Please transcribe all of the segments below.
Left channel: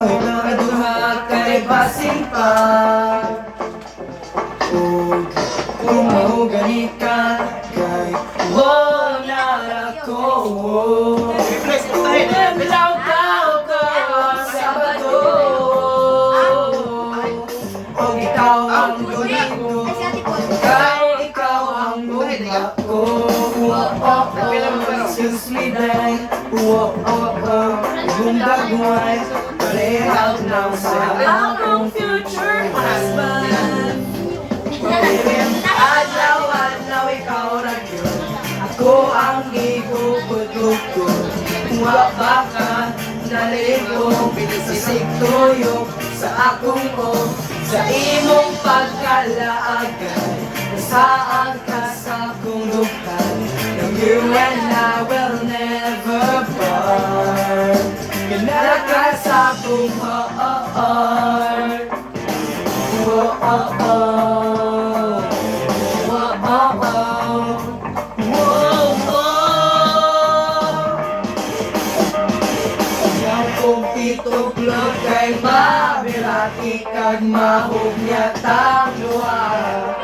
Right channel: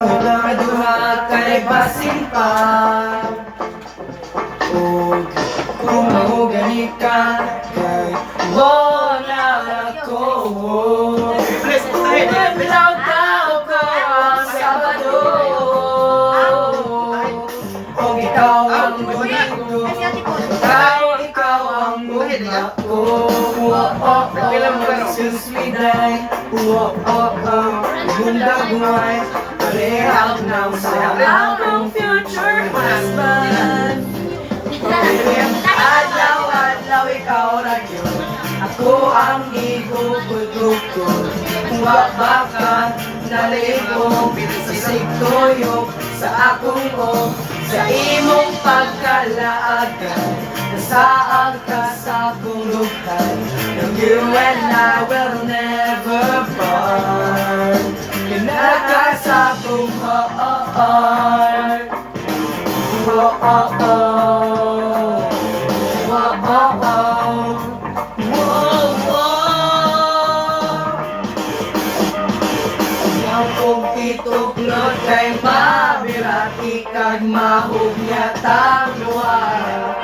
Kaduha kay basin pa o kung mahugani ka kay wala ako. Bilaw tao ka ang Sabado o ikaw ang domingo, ikaw ang muna ko. Susliday, bundaguay, parehab na sa akong future husband. Adlaw-adlaw ikaw ra yun, ako ang igugugugod. Wa baka nalibog, sisig tuyok sa akong o, sa imong pagkalaagan. Nasaan ka sa akong lupan, you and I will never part. Kinaka sa akong heart. Ituklod kay mabirati kag mahugnya tang luar.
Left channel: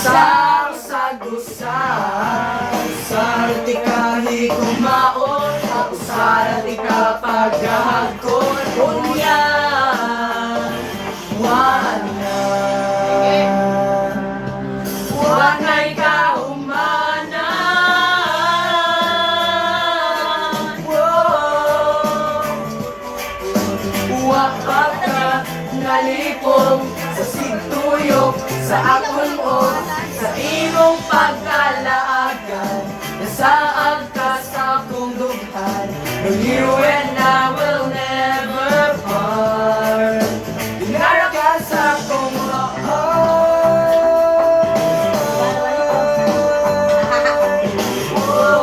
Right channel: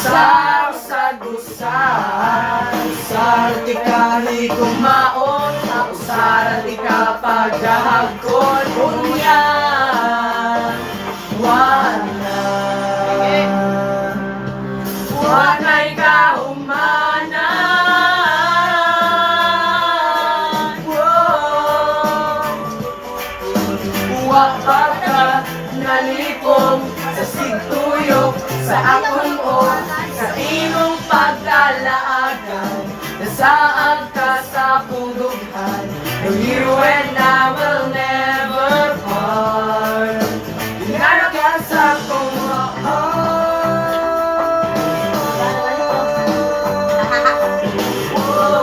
Sa usagusan, usarati ka higumaon, usarati ka paghahagkon, unya wanay kaumanan. Wapa ka nalipong sa sigtuyok sa akong o, sa imong pagkalaagan. Nasaan ka sa akong lughan, you and I will never part. Inara ka sa akong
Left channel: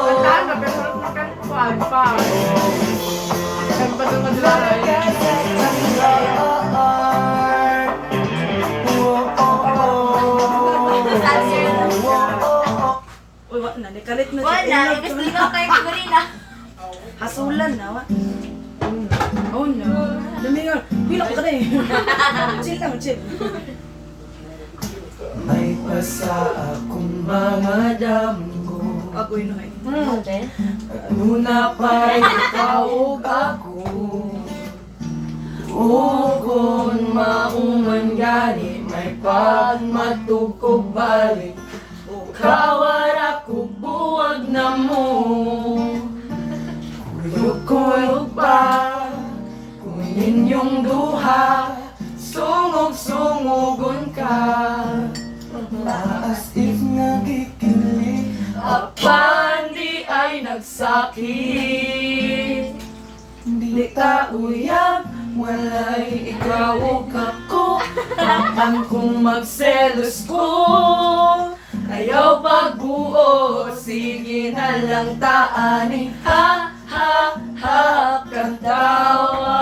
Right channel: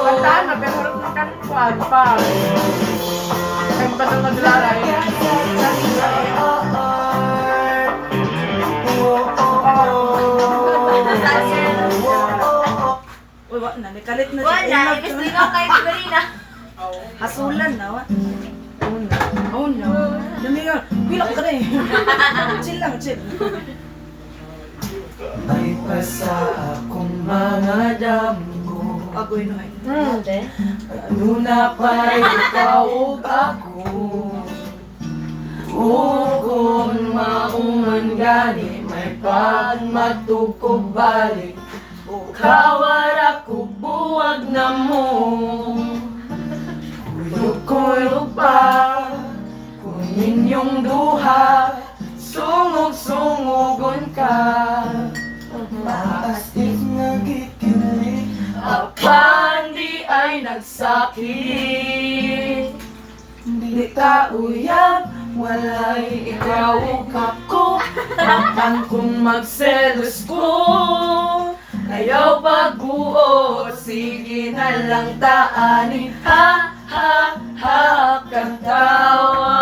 Kantaan na, pero harap na kantuan pa. Kaya pa naman lalay. Uy, wala na, nikalit na. Wala, gusto ikaw kay Sigurina. Hasulan na, wa? Oh no. Dami yun. Bilok ka na eh. Chill lang, chill. may pasa akong mga damo. Agoy na eh. Ano na pa'y ikaw ug ako. Kung mauman gani, may pagmatugkog balik. Kawara ko buwag na mo. Kuyog pa kung inyong duha, sungog-sungogon ka. As if nagikilig, apan di ay nagsakit. Di ta uyab, walay ikaw ug ako. Apan kung magselos ko, ayaw pagbuo, sige na lang taani. Ha, ha, ha, kang tawa.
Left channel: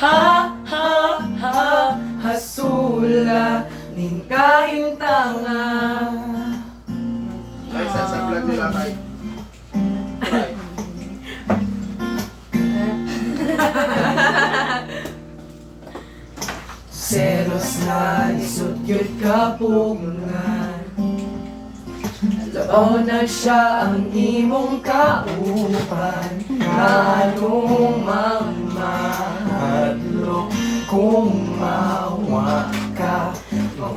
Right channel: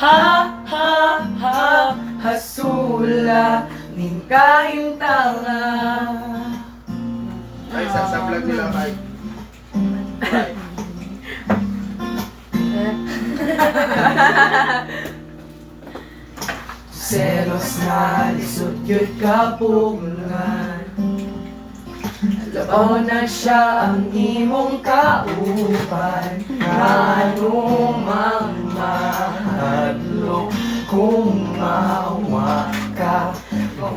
Ha, ha, ha, hasula, ning kahintanga. Ay, sa vlog nila tayo. Selos na lisod yun kapungan. Labaw na siya ang imong kaupan. Anong mamahadlok kung mawa ka.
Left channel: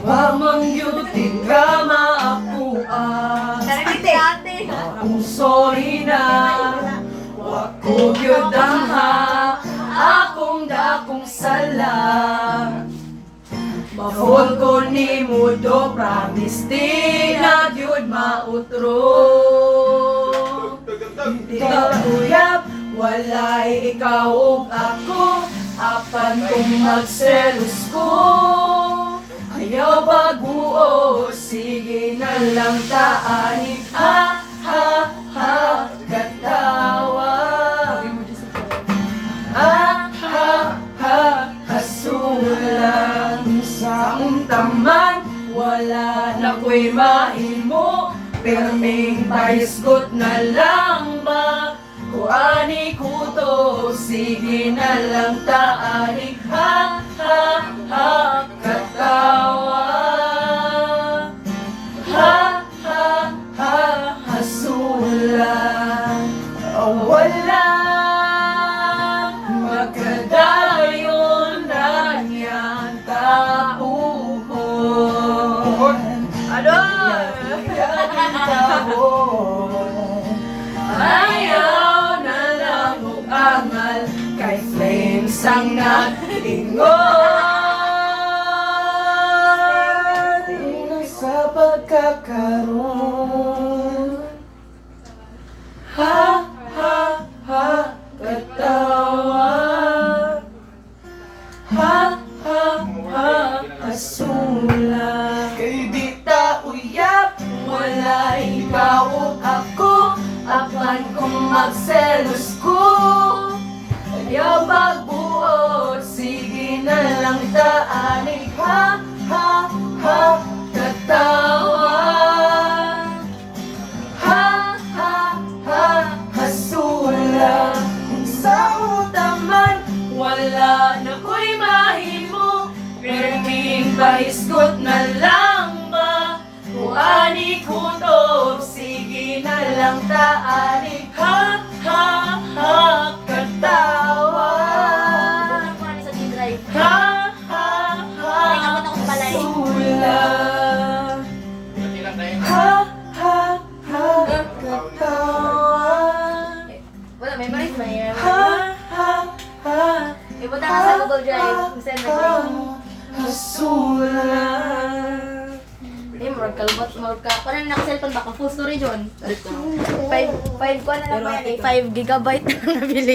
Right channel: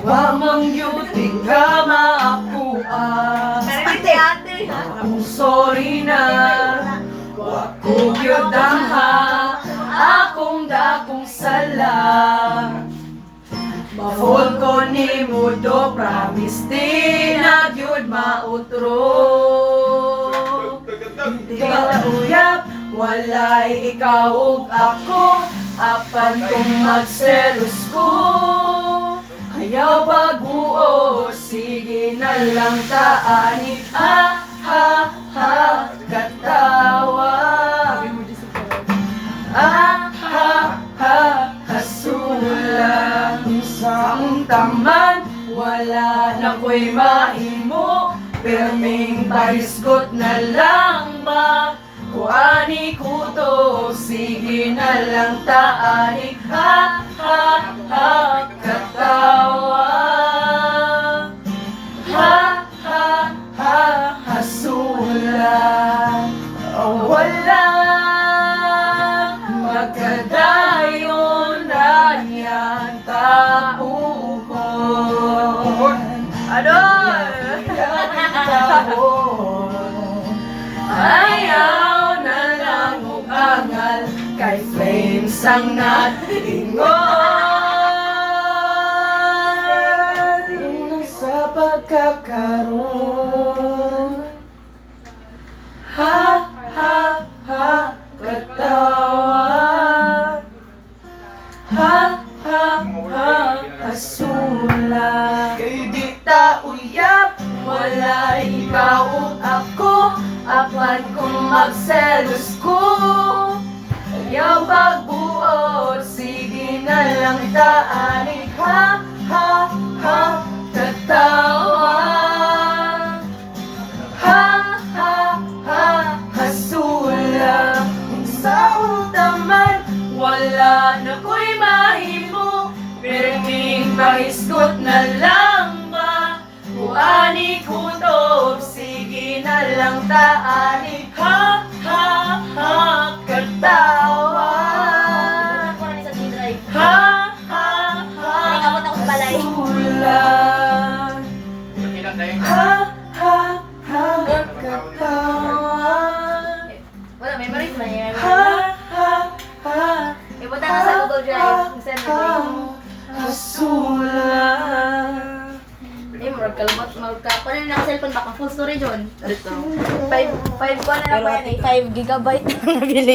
Mamangyutin ka maapuan. Narigiti ate. I'm sorry na, wako gyud ang ha, akong dakong sala. Mahol ko ni Mudo, promise di na gyud mautro. Di ka uyab, walay ikaw ug ako, apan kung magselos ko. Ayaw baguo, sige na lang taani. Ha, ha, ha, katawa. Ha, ha, ha, hasulan sa untaman. Wala na ko'y mahimo, perming paisgot na lang ba? Kuani ko to sige na lang taanik. Ha, ha, ha, katawa. Ha, ha, ha, hasulan. Wala magkadayon na niyan tauhon. Adoy! Ayaw na lang angal kay flames ang natingon sa pagkakaroon. Ha, ha, ha, katawa. Ha, ha, ha, kasula. Kay di ta uyap, wala ikaw o ako. Apan kung magselos ko, ayaw magbuot, sige na lang taanig. Ha, ha, ha, katawa. Ha, ha, ha, hasula. Kung sa utaman, wala na ko'y mahimo, perming pahiskot na lang ba? Kuani kutob, sige na lang taanig. Ha, ha, ha, katawa. Ako na sa G-Drive. Ha, ha, ha, Ay, abot ako sa balay. hasula. Ha, ha, ha, katawa. Wala, memories ba niya? Ha, ha, ha, Ipunta ka sa Google Drive. Send mo ko. hasula. Eh, more kalbot, more ka. Kung ano na cellphone baka full storage yun. 5 ko na lang Pero yan eh. 5 gigabyte na nabili.